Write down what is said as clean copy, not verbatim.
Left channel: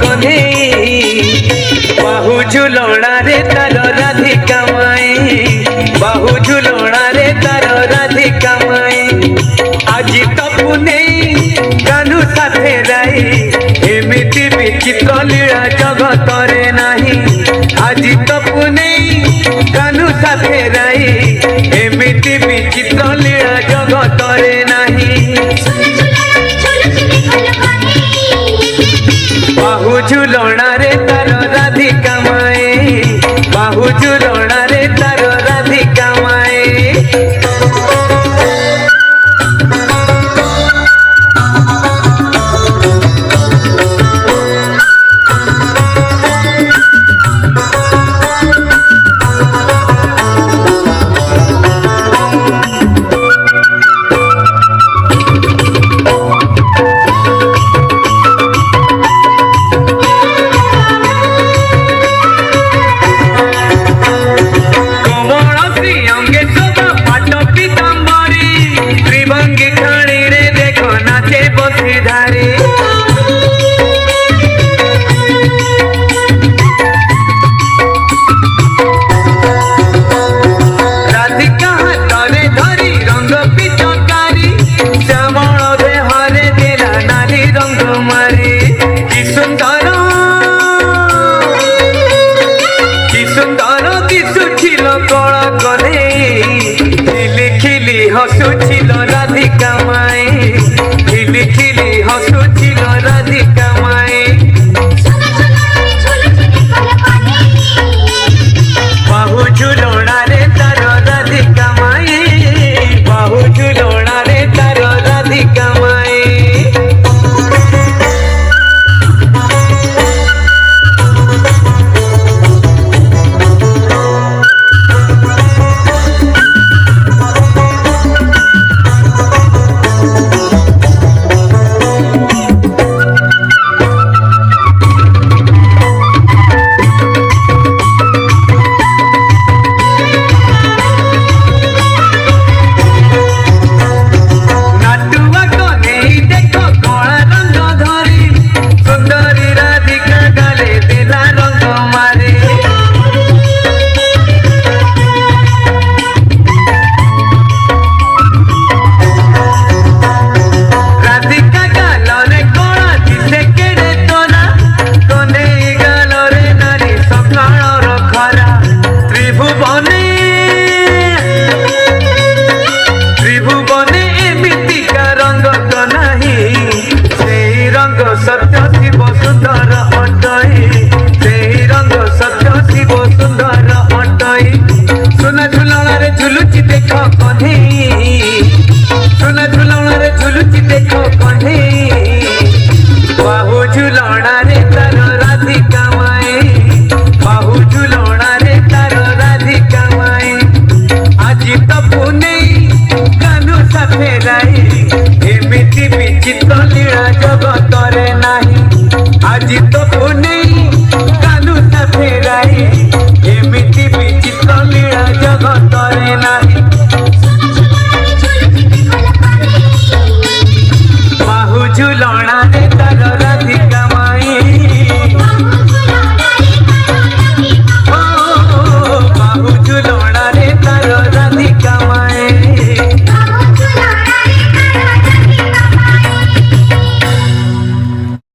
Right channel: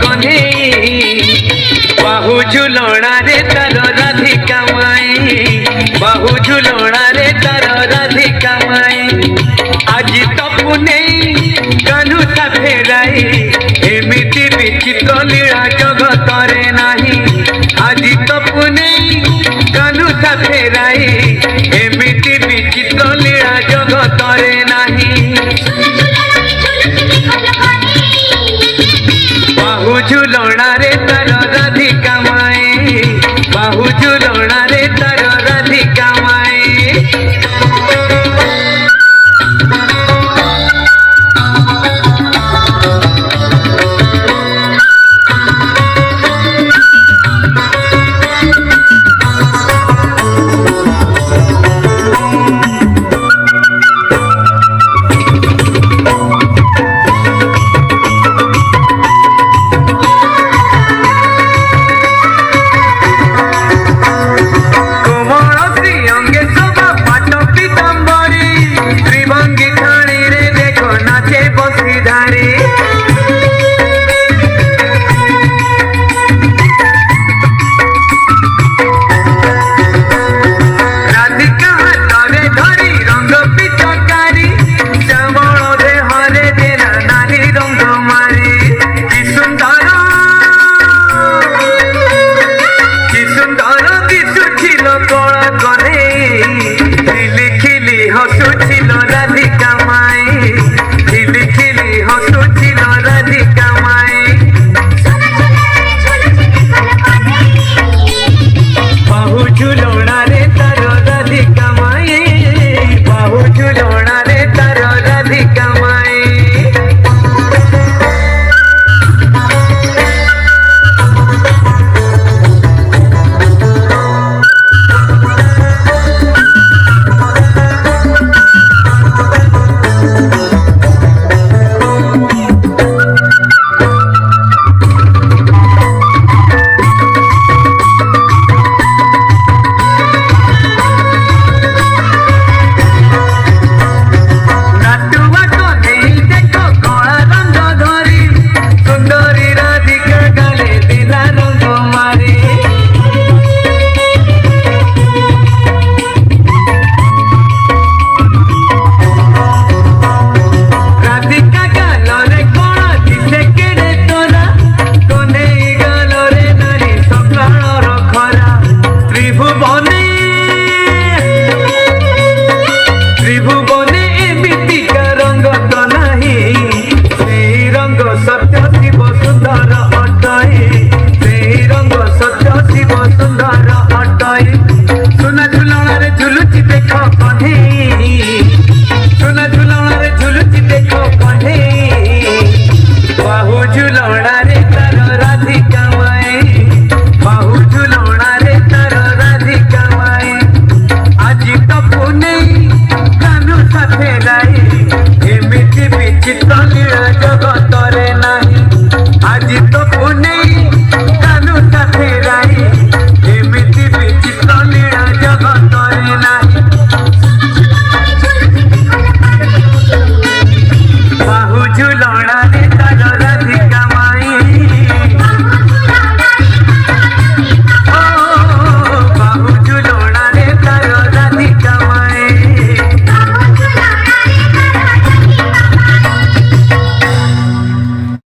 कने बाहु झुलणा रे तार राधिका माई बाहु झुलणा रे तार राधिका माई आज तपु नहीं कानू साथे राई एमिति विचित्र लीला जगत रे नाही आज तपु नहीं कानू साथे राई एमिति विचित्र लीला जगत रे नाही बाहु झुलणा रे तार राधिका माई बाहु झुलणा रे तार राधिका माई बाहु झुलणा रे